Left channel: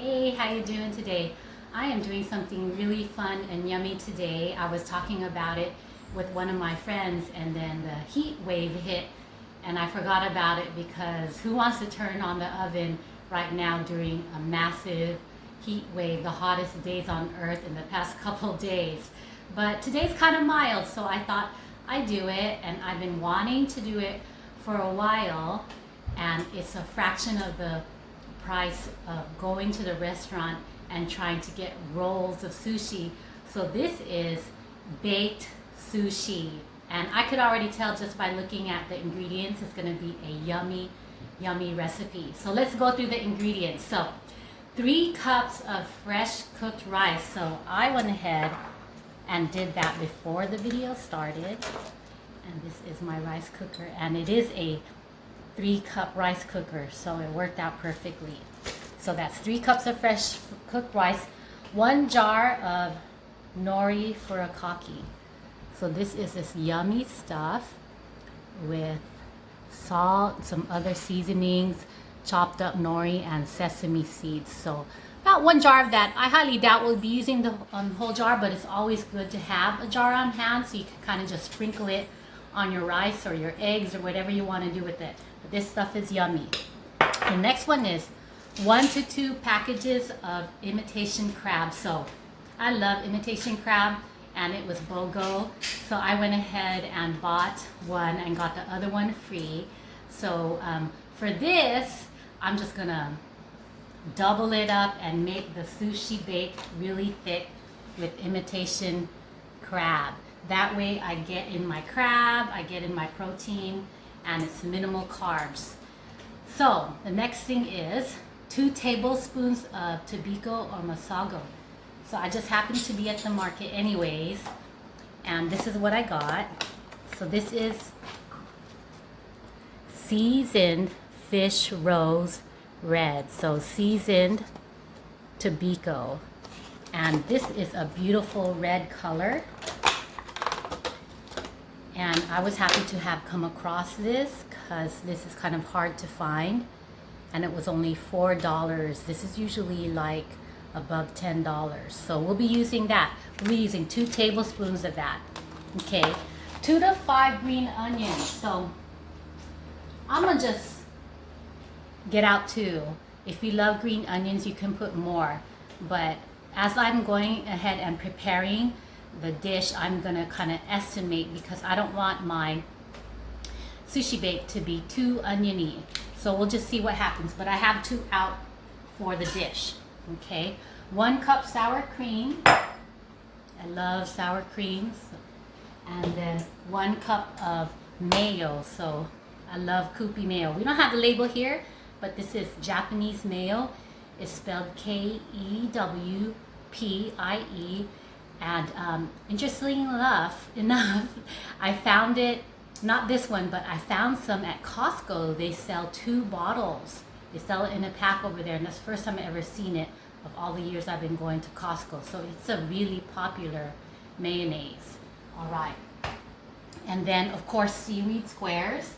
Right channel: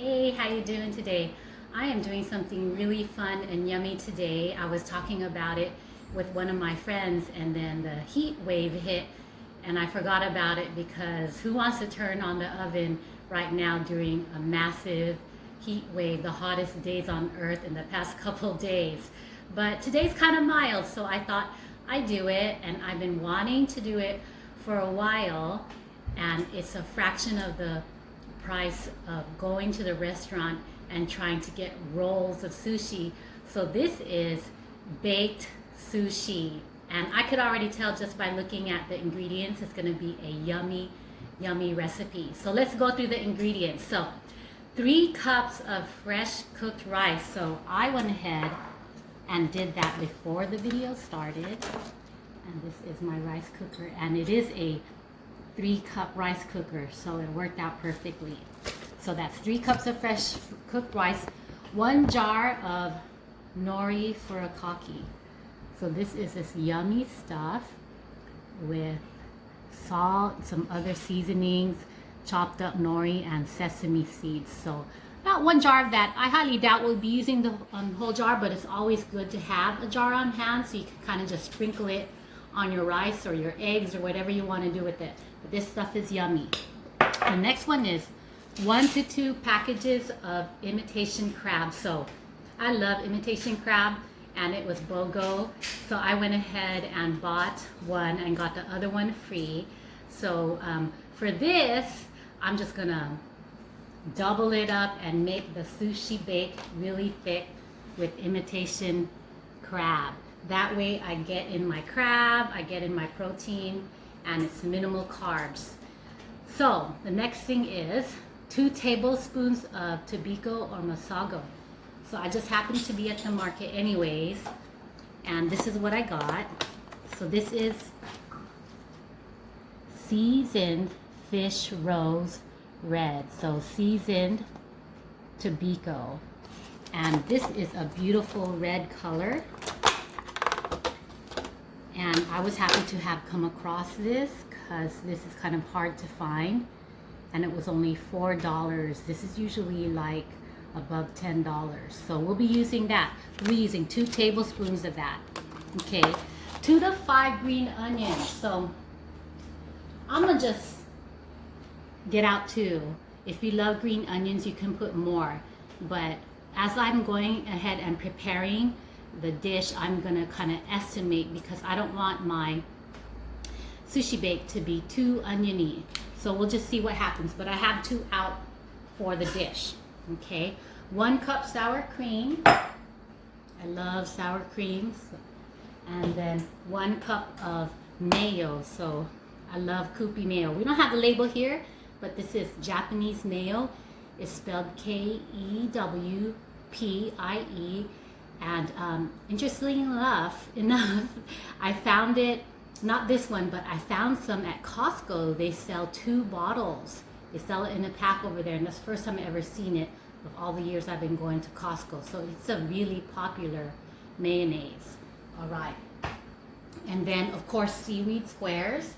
Hey, how you doing today? I am doing something really fun and yummy today. I was talking about it with one of my friends and then the heat wave hit and I forgot about it because who wants to turn on the oven right now during a massive heat wave, the hottest days on earth in the past couple days. But today's kind of mild, so I thought I'd do it, and I've been wanting to do it for a while, and it's a fraction of the price of going to the restaurant and trying to get rolls of sushi. So this is baked sushi, and I could already tell just by looking at the ingredients it's going to be a yummy recipe. So let's go through the ingredients. So 3 cups of fresh cooked rice. So I went ahead and did that before the video started, and this is my rice cooker, and it is a 3-cup rice cooker, so it worked out perfectly. So that's 3 cups of fresh cooked rice, 1 jar of nori furikaki. So this is this yummy stuff with salt, some other seasonings, chopped up nori, and sesame seeds. So about 1 jar of that. I highly doubt we'll be using the whole jar, but it's always good to have a jar on hand so you can kind of just sprinkle it on your rice or your eggs or whatever you want to do with it. But this stuff is yummy. The next one is 1 to 2 packages of imitation crab. So I love imitation crab, and it was BOGO, so I went ahead and bought one and got the other one free. So for this, I'm just gonna double it up and make the Sushi Bake really thick with imitation crab. That way I get in my crab, I get in my protein, and it's minimal carbs. So the next thing is 2 tablespoons of tobiko or Masago. So I just happened to be at the market anyways, and this is what I got. So this is seasoned fish rose red. So seasoned tobiko. And this is a beautiful red color. And I was happy to have come across this because this is kind of hard to find. And it was only $4. This is usually like above $10. So we'll be using that. We'll be using 2 tablespoons of that. Okay, 2 to 5 green onions. So I'm gonna just get out 2. If you love green onions, you can put more. But as I'm going ahead and preparing the dish, I'm gonna kind of estimate because I don't want my Sushi Bake to be too oniony. So we'll just see what happens. But I have 2 out for the dish. Okay, 1 cup sour cream. I love sour creams. And then 1 cup of mayo. So I love Kewpie mayo. We don't have the label here, but this is Japanese mayo. It's spelled Kewpie. And interestingly enough, I found it, not this one, but I found some at Costco. They sell 2 bottles. They sell it in a pack over there, and that's the first time I've ever seen it of all the years I've been going to Costco. So it's a really popular mayonnaise. All right. And then, of course, Seaweed Squares.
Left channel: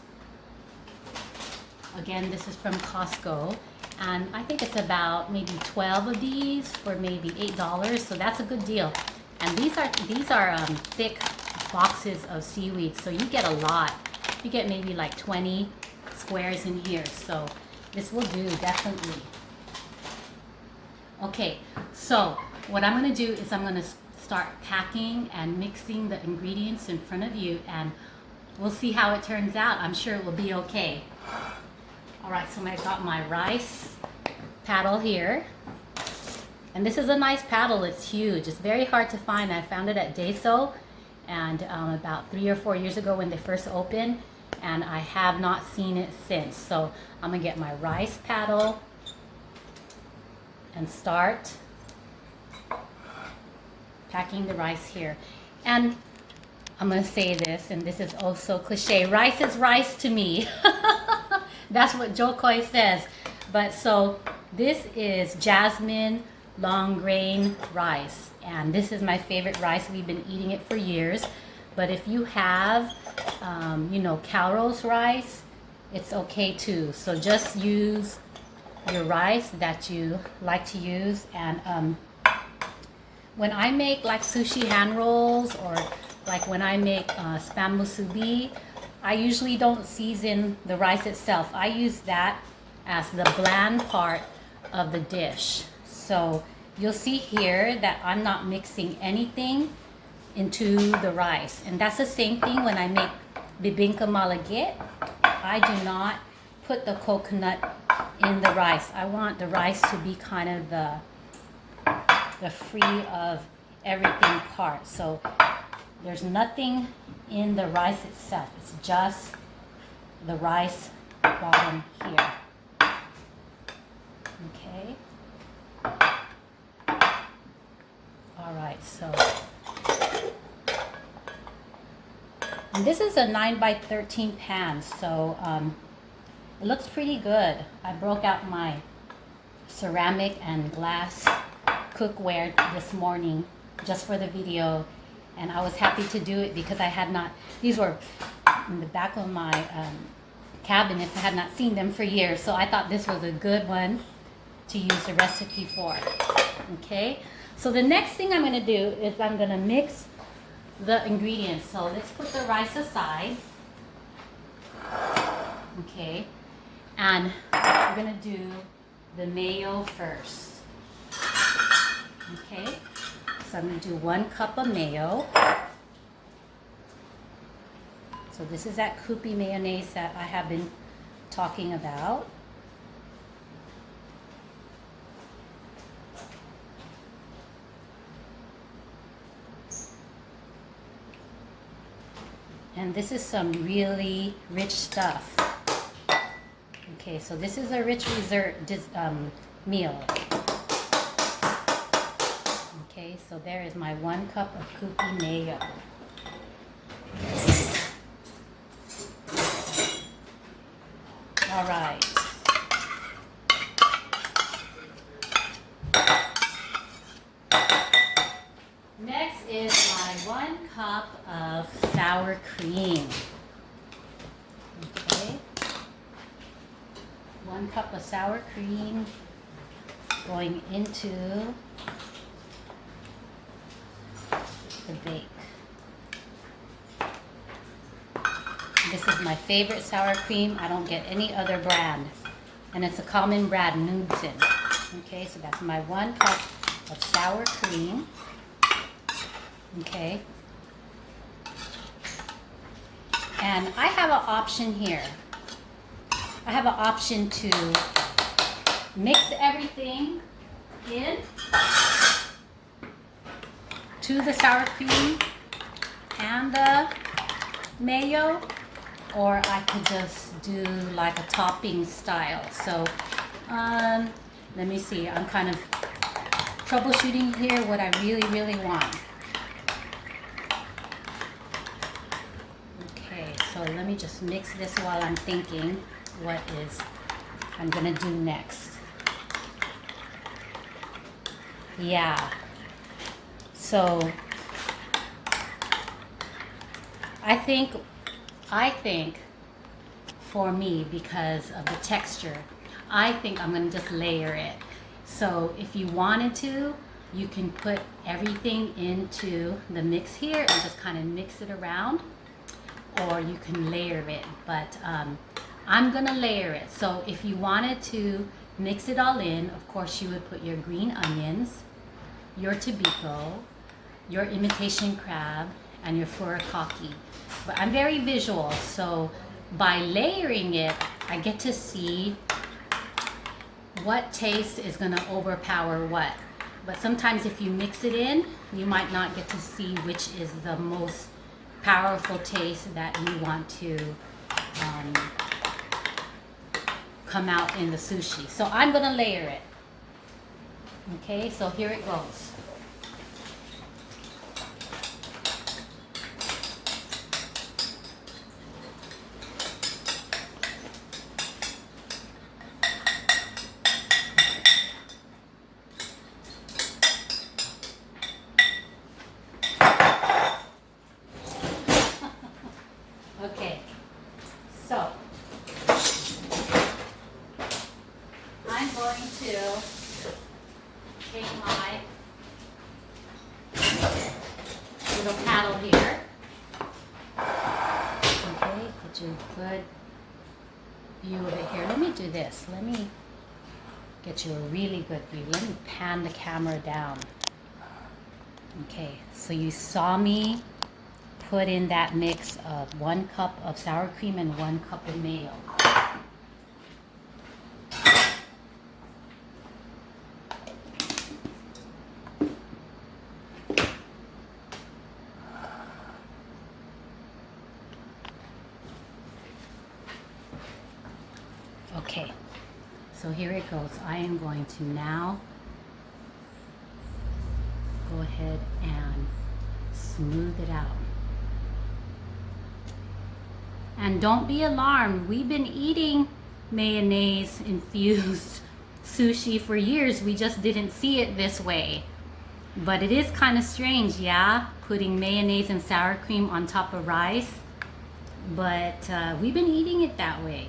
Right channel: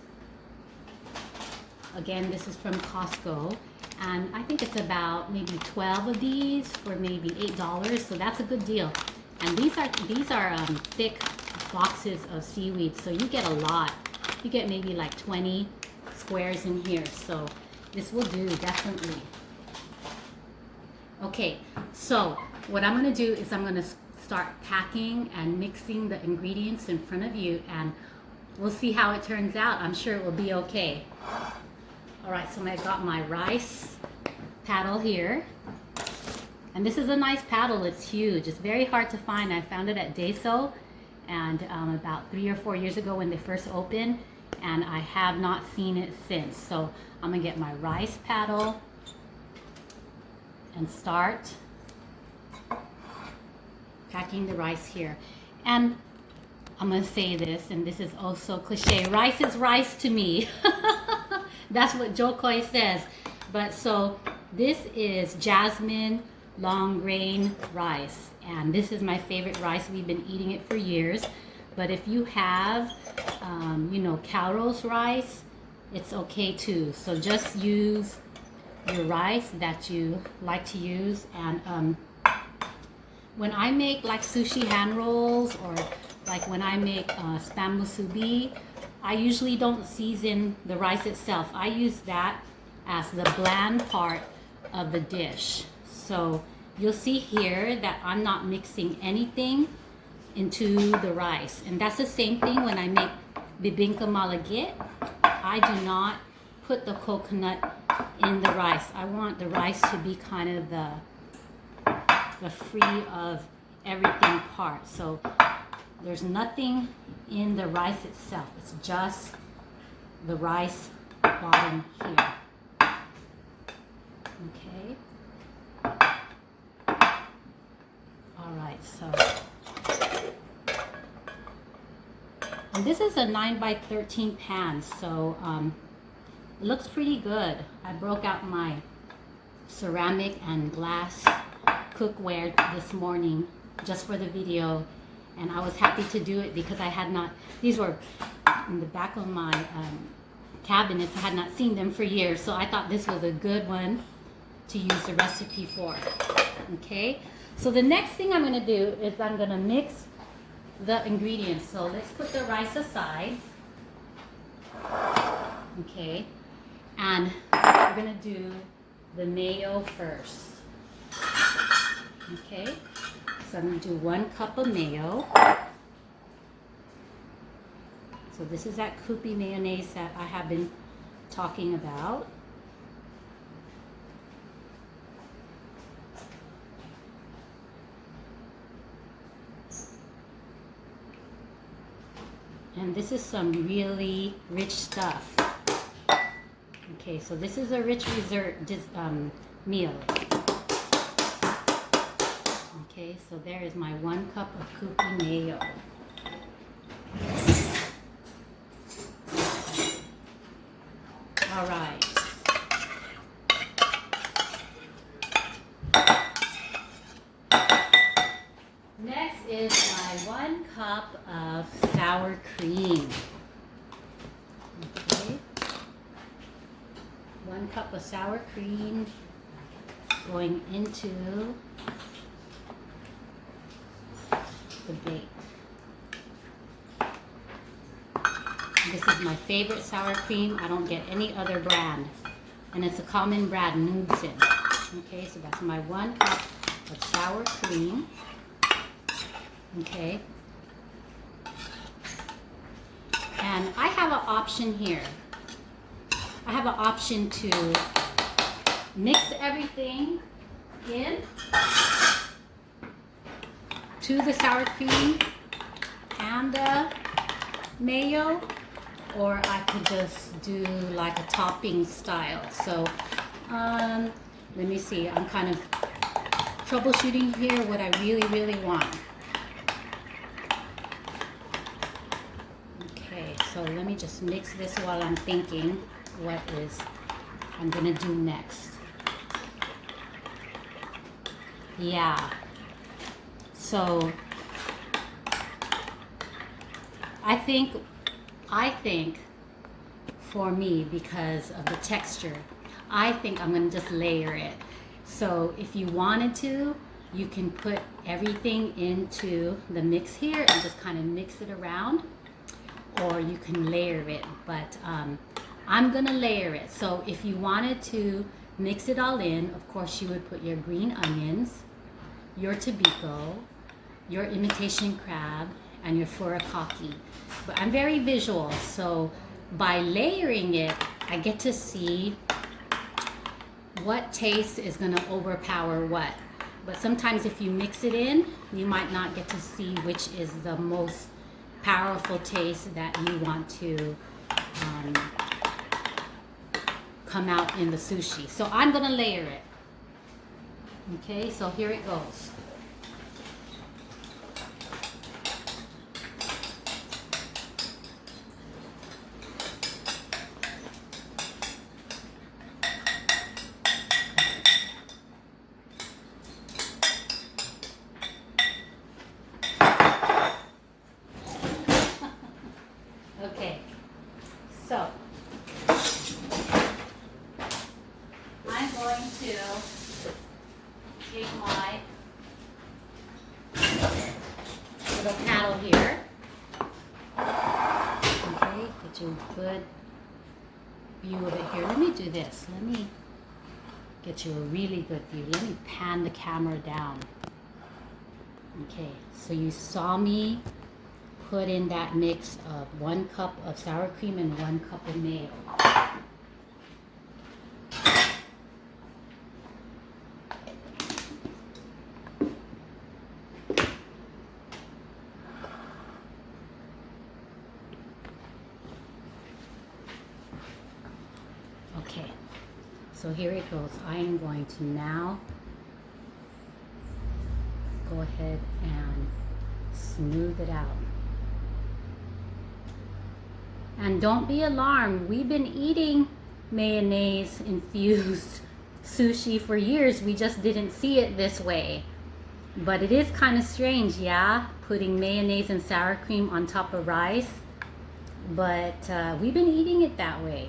Again, this is from Costco. And I think it's about maybe 12 of these for maybe $8. So that's a good deal. And these are thick boxes of seaweed. So you get a lot. You get maybe like 20 squares in here. So this will do, definitely. Okay, so what I'm going to do is I'm going to start packing and mixing the ingredients in front of you, and we'll see how it turns out. I'm sure it will be okay. All right, so I got my rice paddle here. And this is a nice paddle. It's huge. It's very hard to find. I found it at Daiso and about 3 or 4 years ago when they first opened, and I have not seen it since. So I'm gonna get my rice paddle and start packing the rice here. And I'm gonna say this, and this is also cliche, rice is rice to me. That's what Joe Coy says. But so this is jasmine long grain rice, and this is my favorite rice. We've been eating it for years. But if you have Calrose rice, it's okay too. So just use your rice that you like to use. And when I make like sushi hand rolls, or like when I make spam musubi, I usually don't season the rice itself. I use that as the bland part of the dish. So you'll see here that I'm not mixing anything into the rice. And that's the same thing when I make bibingka malagit. I do not put the coconut in the rice. I want the rice to be kind of the free of everything part. So there's nothing in the rice itself. It's just the rice bottom here. Okay. All right, so. And this is a 9x13 pan, so it looks pretty good. I broke out my ceramic and glass cookware this morning just for the video, and I was happy to do it because I had not, these were in the back of my cabinets. I had not seen them for years, so I thought this was a good one to use the recipe for. Okay, so the next thing I'm going to do is I'm going to mix the ingredients. So let's put the rice aside. Okay, and we're going to do the mayo first. Okay, so I'm going to do 1 cup of mayo. So this is that Kewpie mayonnaise that I have been talking about. And this is some really rich stuff. Okay, so this is a rich dessert meal. Okay, so there is my 1 cup of Kewpie mayo. All right. Next is my 1 cup of sour cream. Okay. 1 cup of sour cream going into the bake. This is my favorite sour cream. I don't get any other brand. And it's a common brand, Nudesen. Okay, so that's my 1 cup of sour cream. Okay. And I have an option here. I have an option to mix everything in to the sour cream and the mayo, or I could just do like a topping style. So let me see, I'm kind of troubleshooting here what I really want. Okay, so let me just mix this while I'm thinking what is I'm gonna do next. Yeah, so I think for me, because of the texture, I think I'm gonna just layer it. So if you wanted to, you can put everything into the mix here and just kind of mix it around, or you can layer it, but I'm gonna layer it. So if you wanted to mix it all in, of course you would put your green onions, your tobiko, your imitation crab, and your furikaki. But I'm very visual, so by layering it, I get to see what taste is gonna overpower what. But sometimes if you mix it in, you might not get to see which is the most powerful taste that you want to come out in the sushi. So I'm gonna layer it. Okay, so here it goes. Okay, so I'm little paddle here. Okay, get you a good view of it here. Let me do this. Let me get you a really good view. Let me pan the camera down. Okay, so you saw me put in that mix of 1 cup of sour cream and 1 cup of mayo. Okay, so here it goes. I am going to now go ahead and smooth it out. And don't be alarmed. We've been eating mayonnaise infused sushi for years. We just didn't see it this way. But it is kind of strange, yeah, putting mayonnaise and sour cream on top of rice. But we've been eating it that way.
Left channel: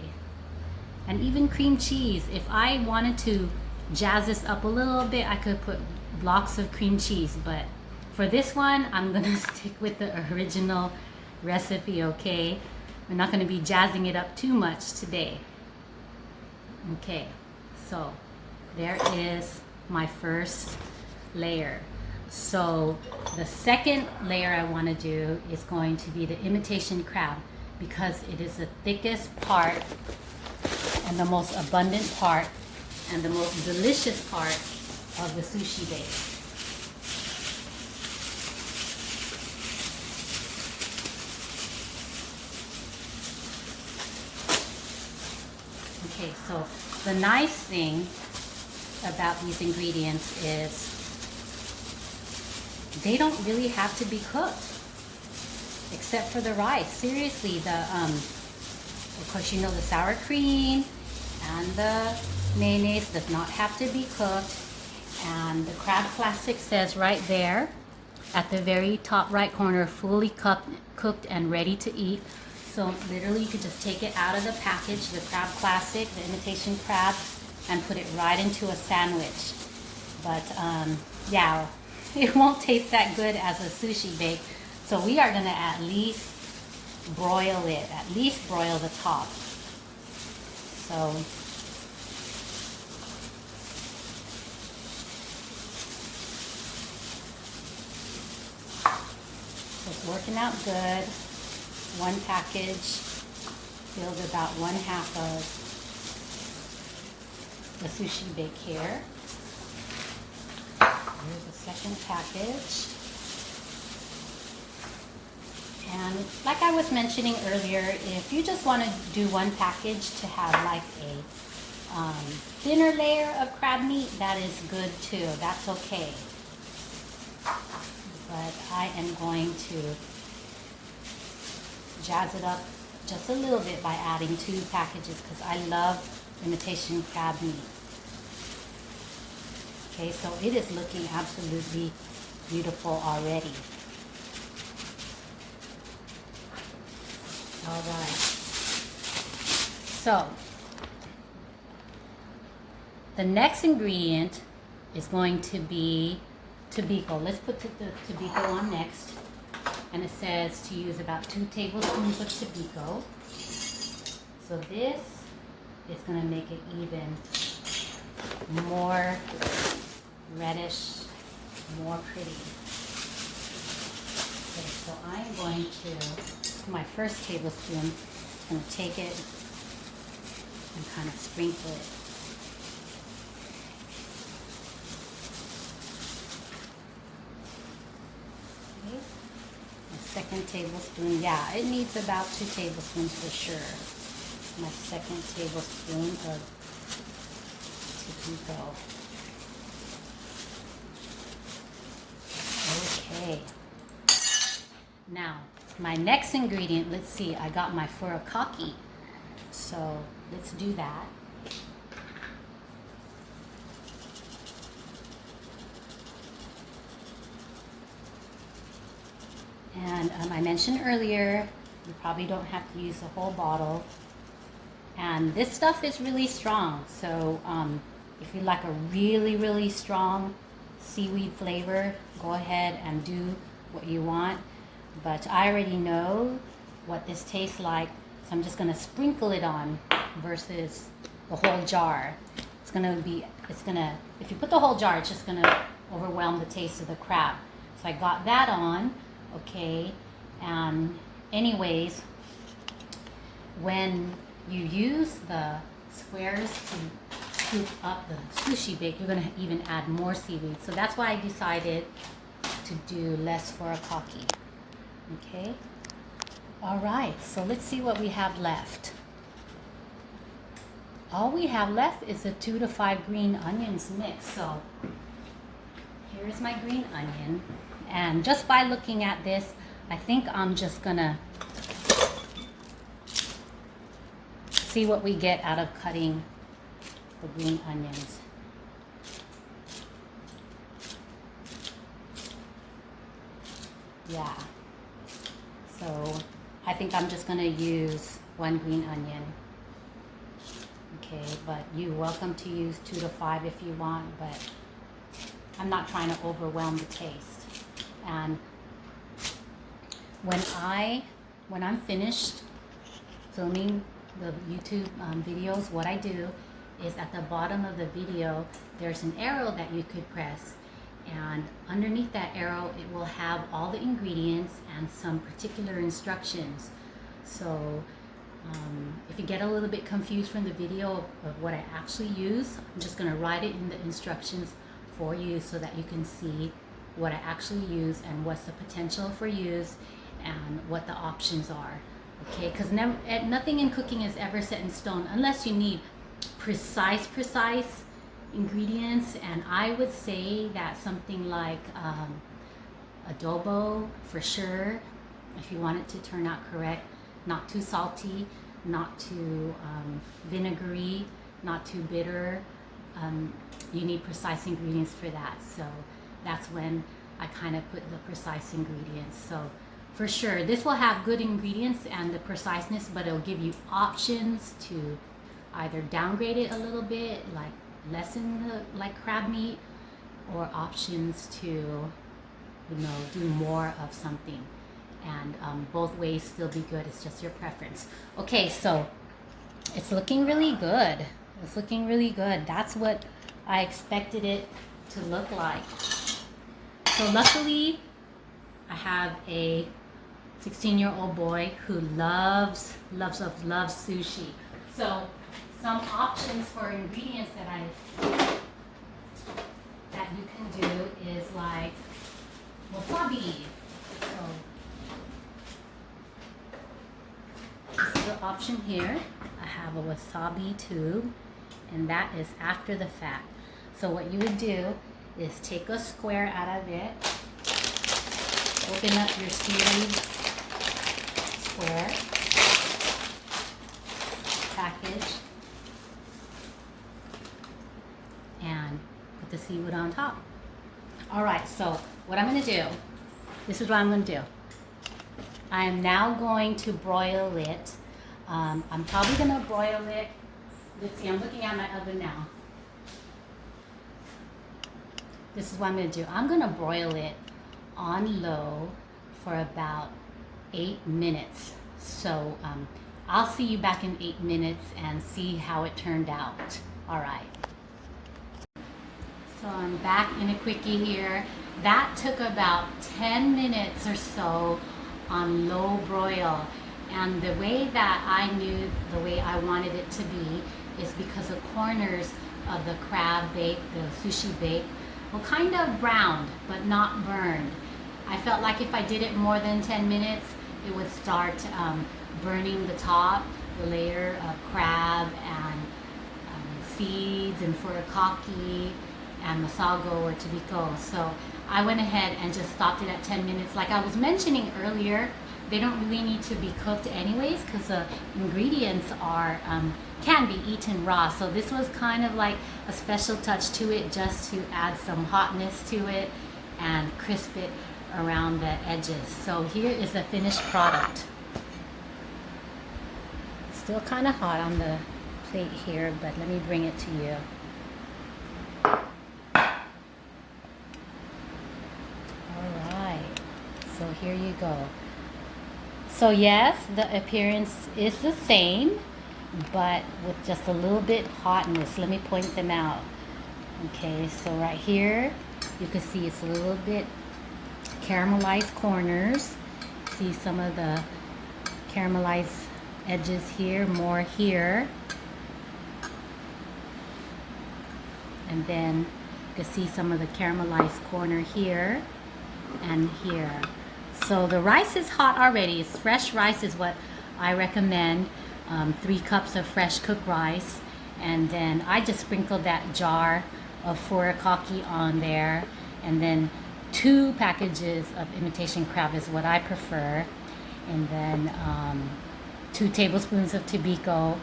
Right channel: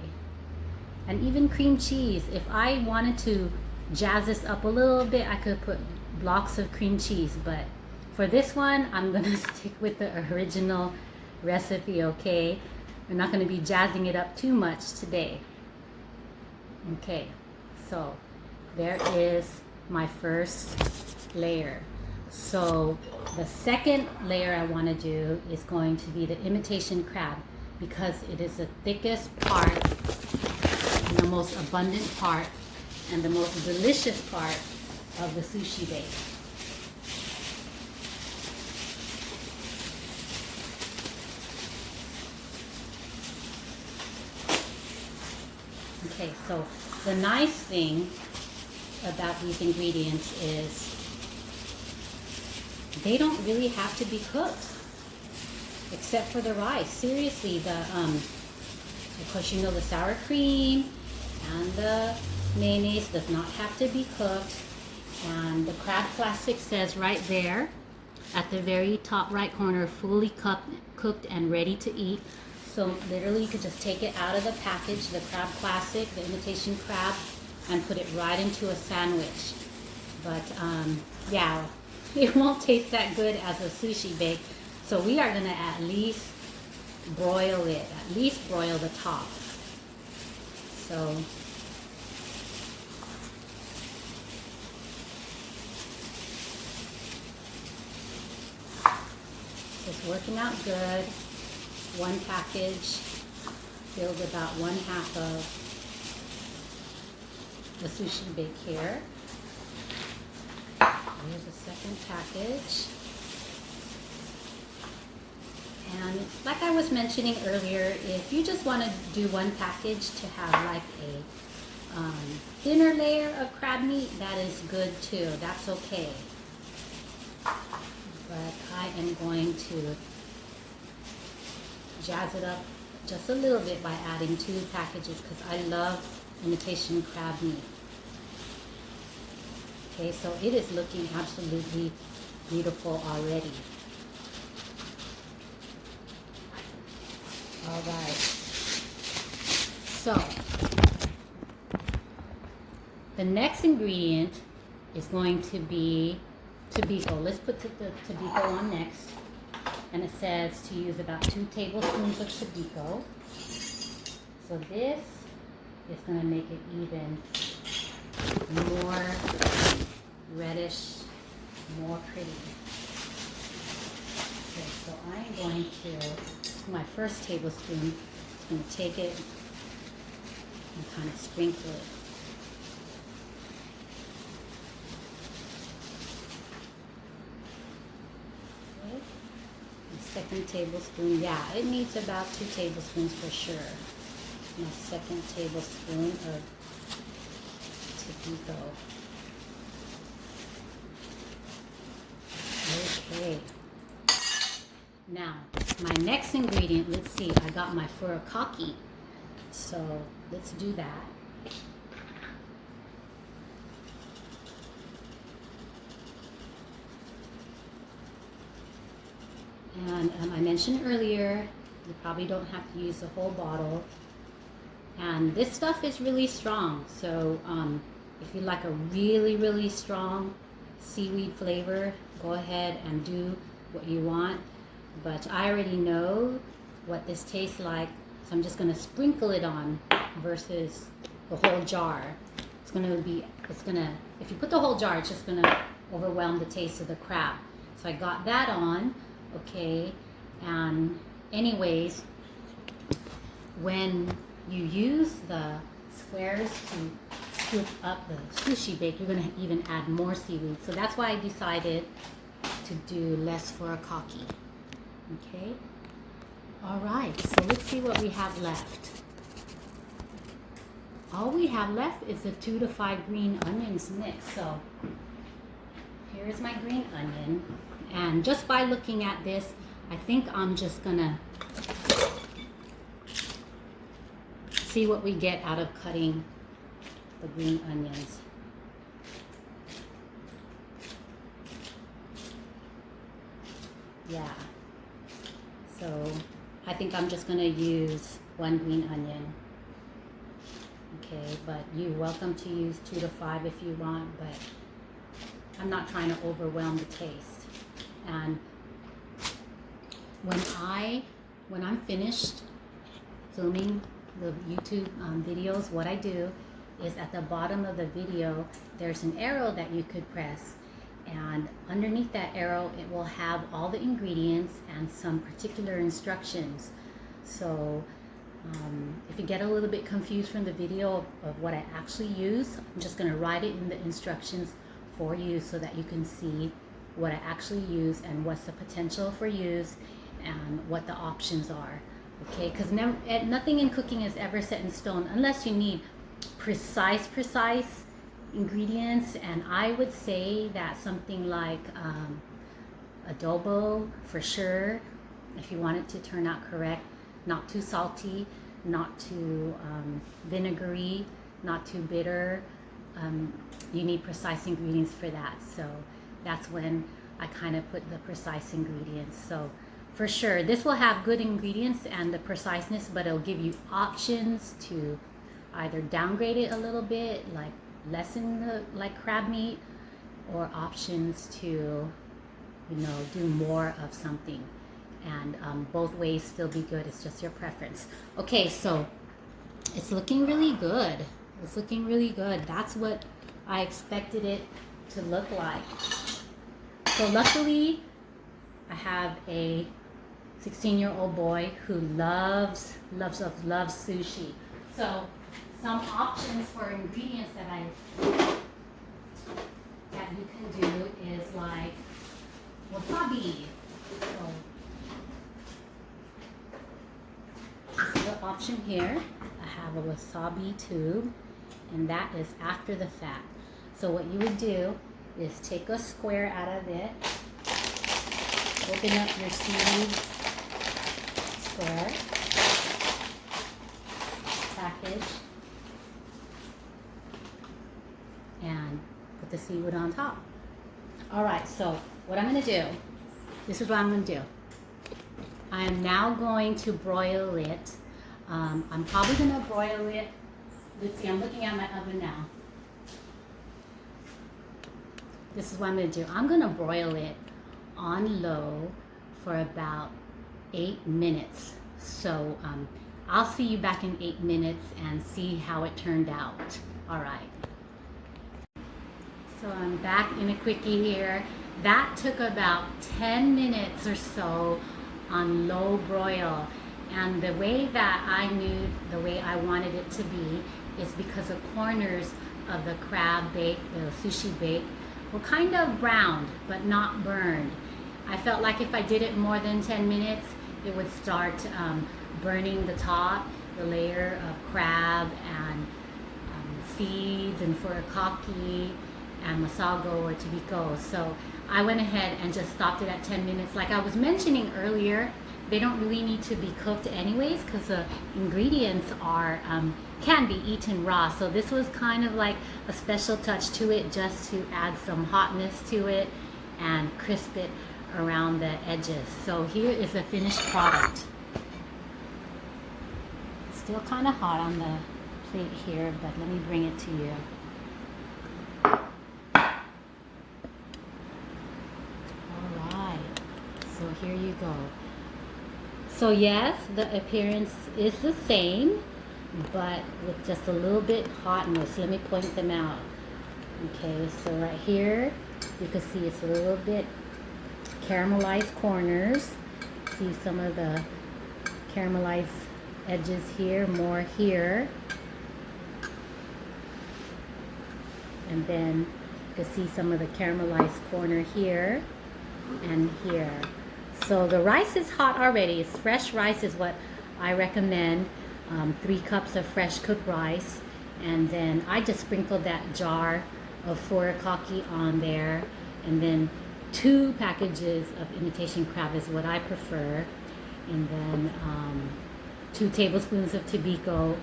And even cream cheese. If I wanted to jazz this up a little bit, I could put blocks of cream cheese. But for this one, I'm going to stick with the original recipe, okay? We're not going to be jazzing it up too much today. Okay, so there is my first layer. So the second layer I want to do is going to be the imitation crab, because it is the thickest part and the most abundant part and the most delicious part of the sushi bake. Okay, so the nice thing about these ingredients is they don't really have to be cooked, except for the rice. Seriously, of course, you know, the sour cream and the mayonnaise does not have to be cooked. And the crab classic says right there at the very top right corner, fully cooked and ready to eat. So literally you could just take it out of the package, the crab classic, the imitation crab, and put it right into a sandwich. But yeah, it won't taste that good as a sushi bake. So we are gonna at least broil it, at least broil the top. So it's working out good. One package fills about 1/2 of the sushi bake here. Here's the second package. And like I was mentioning earlier, if you just want to do one package to have like a thinner layer of crab meat, that is good too. That's okay. But I am going to jazz it up just a little bit by adding 2 packages because I love imitation crab meat. Okay, so it is looking absolutely beautiful already. All right. So the next ingredient is going to be tobiko. Let's put the tobiko on next. And it says to use about 2 tablespoons of tobiko. So this is going to make it even more reddish, more pretty. Okay, so I'm going to, my first tablespoon, I'm going to take it and kind of sprinkle it. Second tablespoon, yeah, it needs about 2 tablespoons for sure. My second tablespoon of tobiko. Okay. Now, my next ingredient, let's see, I got my furikaki. So let's do that. And I mentioned earlier, you probably don't have to use the whole bottle. And this stuff is really strong. So if you like a really, really strong seaweed flavor, go ahead and do what you want, but I already know what this tastes like, so I'm just gonna sprinkle it on versus the whole jar. If you put the whole jar, it's just gonna overwhelm the taste of the crab. So I got that on, okay, and anyways, when you use the squares to scoop up the sushi bake, you're gonna even add more seaweed. So that's why I decided to do less furikaki. Okay. All right. So let's see what we have left. All we have left is the 2 to 5 green onions mixed. So here is my green onion, and just by looking at this, I think I'm just gonna see what we get out of cutting the green onions. Yeah. So I think I'm just gonna use 1 green onion. Okay, but you're welcome to use 2 to 5 if you want, but I'm not trying to overwhelm the taste. And when I'm finished filming the YouTube videos, what I do is at the bottom of the video, there's an arrow that you could press, and underneath that arrow, it will have all the ingredients and some particular instructions. So if you get a little bit confused from the video of what I actually use, I'm just going to write it in the instructions for you so that you can see what I actually use and what's the potential for use and what the options are. Okay, because nothing in cooking is ever set in stone unless you need precise ingredients. And I would say that something like adobo for sure, if you want it to turn out correct, not too salty, not too vinegary, not too bitter. You need precise ingredients for that. So that's when I kind of put the precise ingredients. So for sure, this will have good ingredients and the preciseness, but it'll give you options to either downgrade it a little bit, like lessen the crab meat, or options to, do more of something. And both ways still be good. It's just your preference. Okay, so it's looking really good. It's looking really good. That's what I expected it to look like. So luckily, I have a 16-year-old boy who loves sushi. So some options for ingredients that you can do is like wasabi. So this is the option here. I have a wasabi tube, and that is after the fact. So what you would do is take a square out of it, open up your seaweed square package, and put the seaweed on top. All right, so what I'm gonna do, this is what I'm gonna do. I am now going to broil it. I'm probably gonna broil it. Let's see, I'm looking at my oven now. This is what I'm gonna do. I'm gonna broil it on low for about 8 minutes. So I'll see you back in 8 minutes and see how it turned out. All right. So I'm back in a quickie here. That took about 10 minutes or so on low broil. And the way that I knew the way I wanted it to be is because the corners of the crab bake, the sushi bake, were kind of browned, but not burned. I felt like if I did it more than 10 minutes, it would start burning the top, the layer of crab and seeds and furikaki and masago or tobiko. So I went ahead and just stopped it at 10 minutes. Like I was mentioning earlier, they don't really need to be cooked anyways because the ingredients are can be eaten raw. So this was kind of like a special touch to it, just to add some hotness to it and crisp it around the edges. So here is the finished product. Still kind of hot on the plate here, but let me bring it to you. All right. here you go. So yes, the appearance is the same, but with just a little bit hotness. Let me point them out. Okay, so right here, you can see it's a little bit caramelized corners. See some of the caramelized edges here, more here. And then you can see some of the caramelized corner here and here. So the rice is hot already. It's fresh rice is what I recommend. 3 cups of fresh cooked rice. And then I just sprinkled that jar of furikaki on there. And then 2 packages of imitation crab is what I prefer. And then 2 tablespoons of tobiko.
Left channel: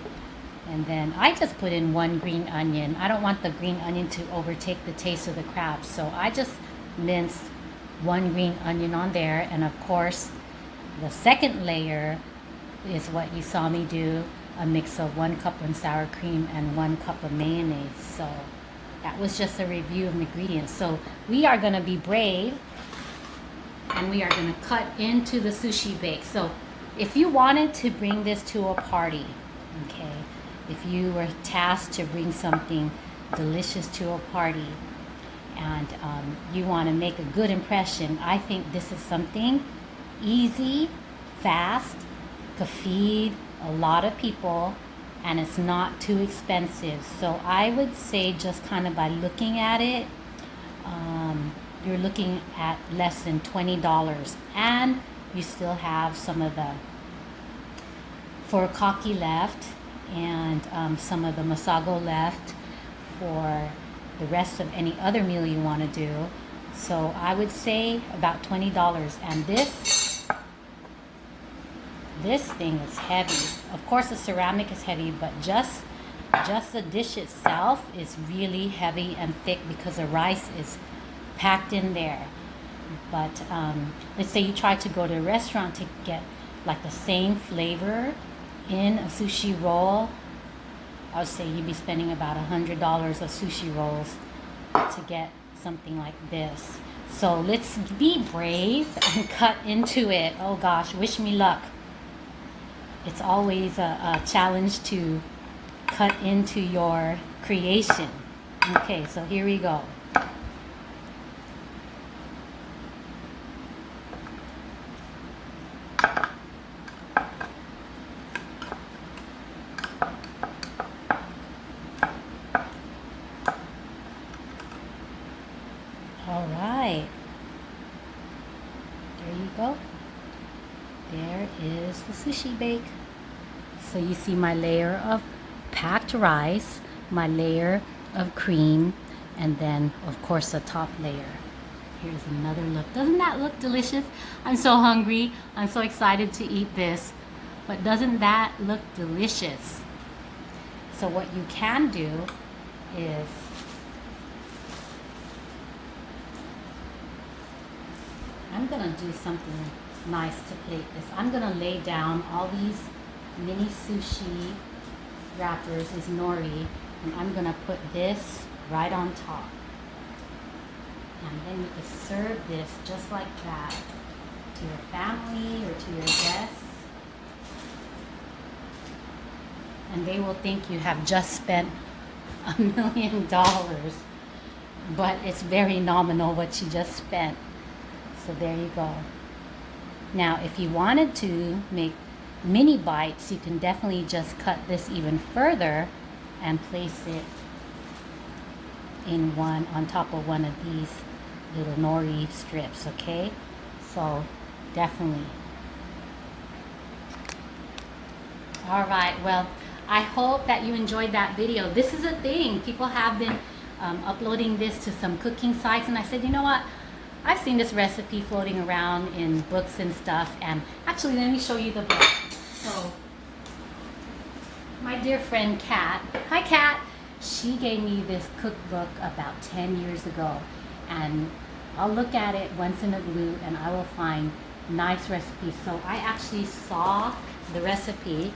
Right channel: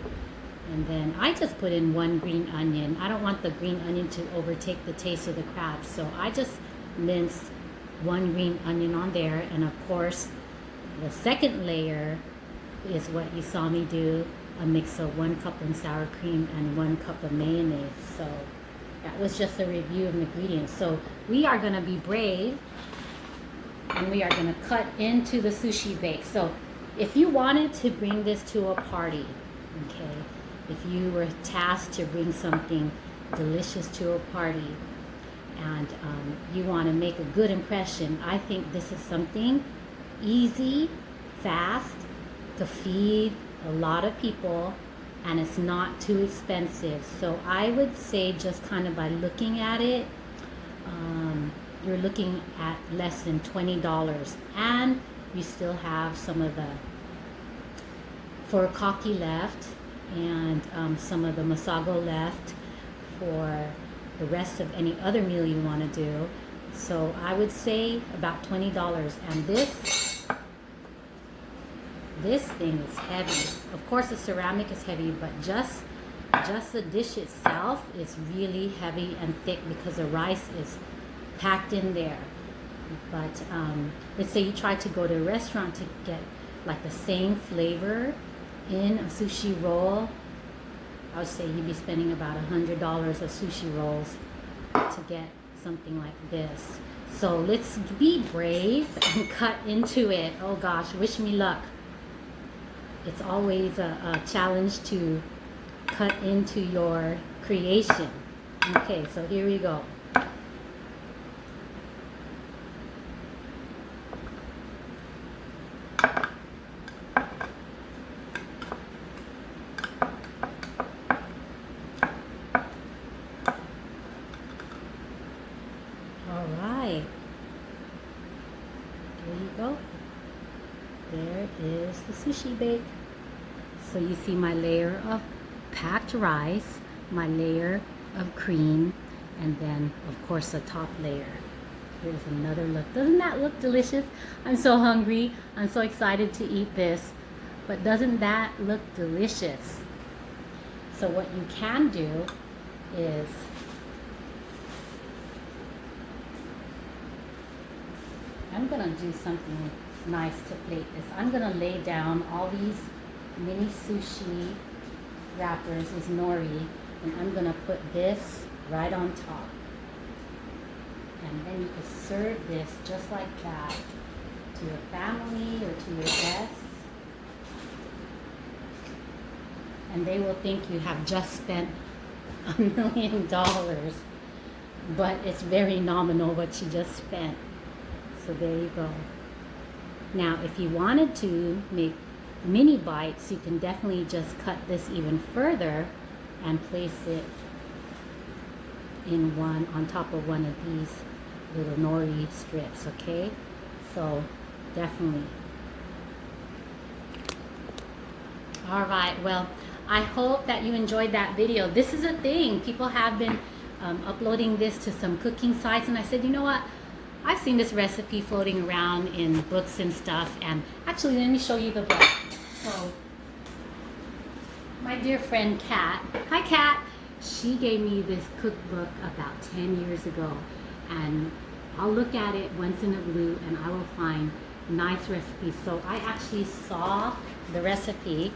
And then I just put in 1 green onion. I don't want the green onion to overtake the taste of the crab. So I just minced 1 green onion on there. And of course, the second layer is what you saw me do. A mix of 1 cup of sour cream and 1 cup of mayonnaise. So that was just a review of the ingredients. So we are going to be brave. And we are going to cut into the Sushi Bake. So if you wanted to bring this to a party, okay, if you were tasked to bring something delicious to a party and you want to make a good impression, I think this is something easy, fast, to feed a lot of people, and it's not too expensive. So I would say just kind of by looking at it, you're looking at less than $20, and you still have some of the furikaki left and some of the Masago left for the rest of any other meal you want to do. So I would say about $20. And this thing is heavy. Of course the ceramic is heavy, but just the dish itself is really heavy and thick because the rice is packed in there. But let's say you try to go to a restaurant to get like the same flavor in a sushi roll, I would say you'd be spending about $100 of sushi rolls to get something like this. So let's be brave and cut into it. Oh gosh, wish me luck. It's always a challenge to cut into your creation. Okay, so here we go. There is the Sushi Bake. So you see my layer of packed rice, my layer of cream, and then of course the top layer. Here's another look. Doesn't that look delicious? I'm so hungry. I'm so excited to eat this. But doesn't that look delicious? So what you can do is I'm gonna do something nice to plate this. I'm gonna lay down all these mini sushi wrappers, this nori, and I'm gonna put this right on top. And then you can serve this just like that to your family or to your guests. And they will think you have just spent $1 million, but it's very nominal what you just spent. So there you go. Now, if you wanted to make mini bites, you can definitely just cut this even further and place it in one on top of one of these little nori strips, okay? So definitely. All right, well, I hope that you enjoyed that video. This is a thing. People have been uploading this to some cooking sites, and I said, you know what? I've seen this recipe floating around in books and stuff, and actually let me show you the book. So my dear friend Kat, hi Kat, she gave me this cookbook about 10 years ago, and I'll look at it once in a blue and I will find nice recipes. So I actually saw the recipe,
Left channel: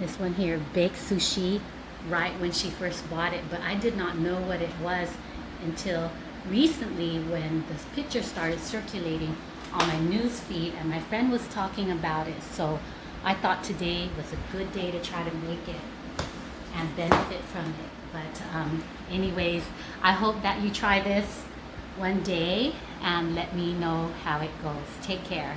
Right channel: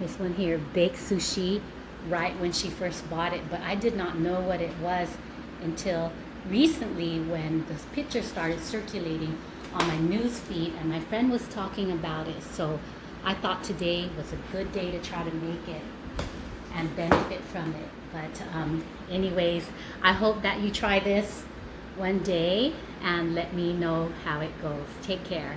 this one here, baked sushi, right when she first bought it, but I did not know what it was until recently when this picture started circulating on my news feed, and my friend was talking about it. So I thought today was a good day to try to make it and benefit from it. But anyways, I hope that you try this one day and let me know how it goes. Take care.